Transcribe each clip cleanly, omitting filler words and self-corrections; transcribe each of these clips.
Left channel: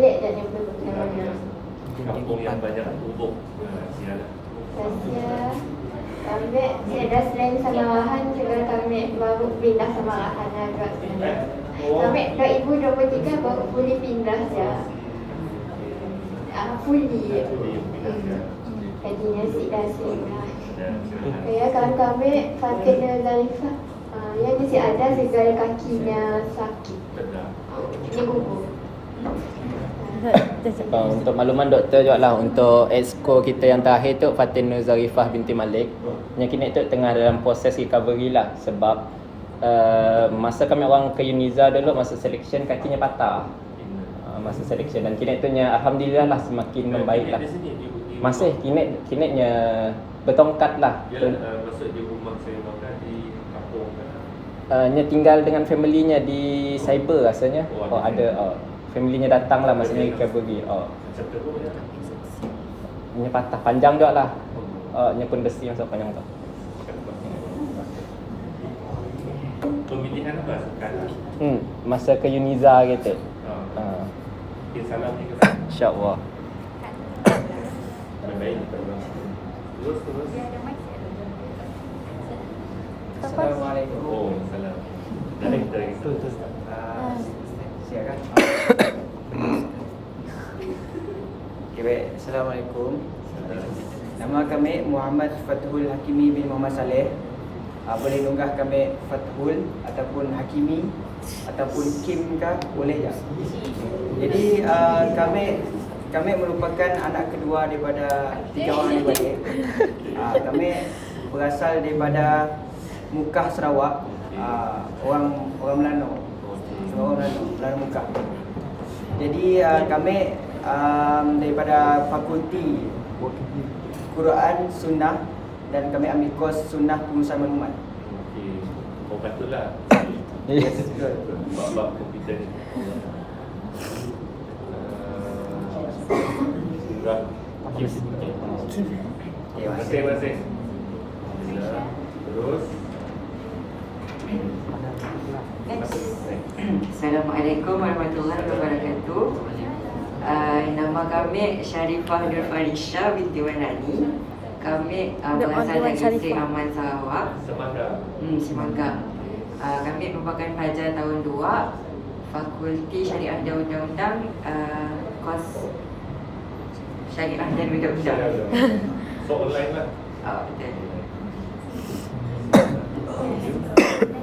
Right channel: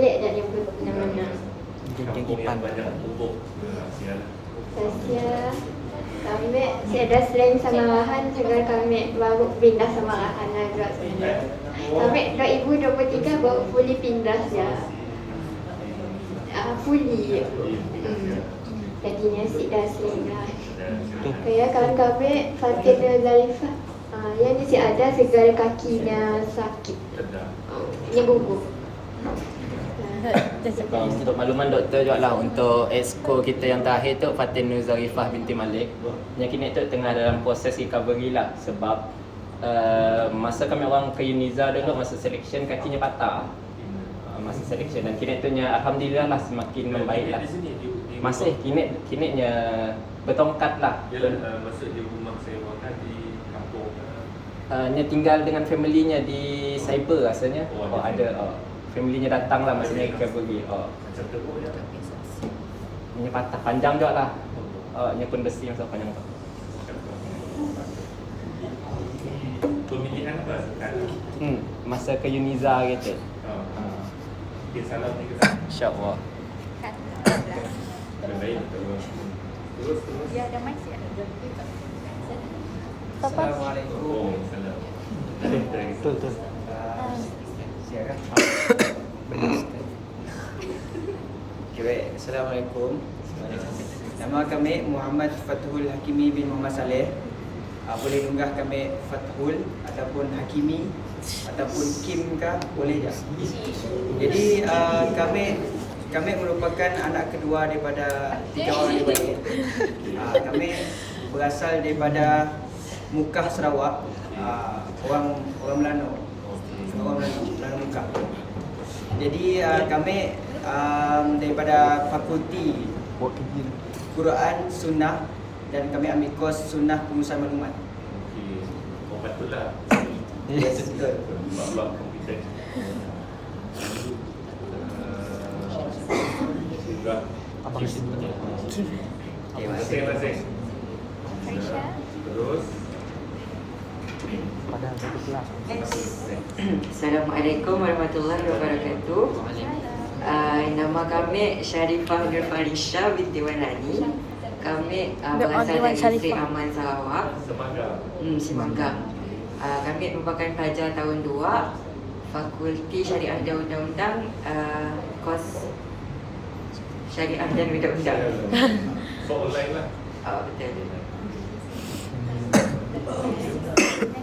pelik je nyebut namanya. Kampung yang banyak pupuk. Saya kami ada sering samawahan juga kami baru pindah samawahan juga sebenarnya. Kami 2023 baru fully pindah ya. Fully. Jadinya singgah. Kayak kawan kami Fatin dan Zalifah. Yang mesti ada segala kakinya sakit. Ini bubur. Untuk makluman doktor juga lah, untuk exco kita yang terakhir tu Fatin Nur Zarifah binti Malik, yang kini tu tengah dalam proses recovery lah. Sebab masa kami orang ke Uniza dulu, masa selection kakinya patah. Masa selection, dan kini tu nya alhamdulillah lah semakin membaik lah. Masih kini nya bertongkat lah. Maksud dia rumah saya makan di kampung. Nya tinggal dengan family-nya di Cyber rasanya. Ada family-nya datang lah masanya recovery. Macam teruk je. Nya patah panjang juga lah. Nya pun besi yang panjang tu. Pemilihan apa? Masa ke Uniza gitu. Okay, salam ni kita. InsyaAllah. Baik, terus. Assalamualaikum. Oh, salam. Betul. Siapa? Okay, baik. Assalamualaikum. Nama kami Muhammad Fathul Hakimi bin Muhammad Saleh. Boleh lunggah kami Fathul ataupun Hakimi ataupun Kim kah, boleh ya. Jadi kami merupakan anak kedua daripada 3 orang adik-beradik. Kami berasal daripada Mukah, Sarawak. Orang Melano. Melano Mukah. Jadi kami daripada Fakulti Quran Sunnah, dan kami ambil kos Sunnah Pengurusan Maklumat. Okey. Oh, patutlah. Yes, betul. Bab komputer. Enggak. Terima Terima kasih. Terus. Assalamualaikum warahmatullahi wabarakatuh. Nama kami Sharifah Nur Farisha binti Wanani. Kami berasal dari Sri Aman, Sarawak. Semangga. Kami merupakan pelajar tahun 2 Fakulti Syariah dan Undang-Undang, kos Syariah dan Undang-Undang. So online lah. Betul.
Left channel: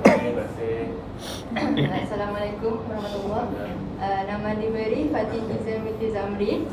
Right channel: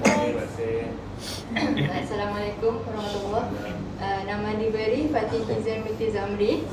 Terima kasih. Assalamualaikum warahmatullahi. Nama diberi Fatin Izan binti Zamri.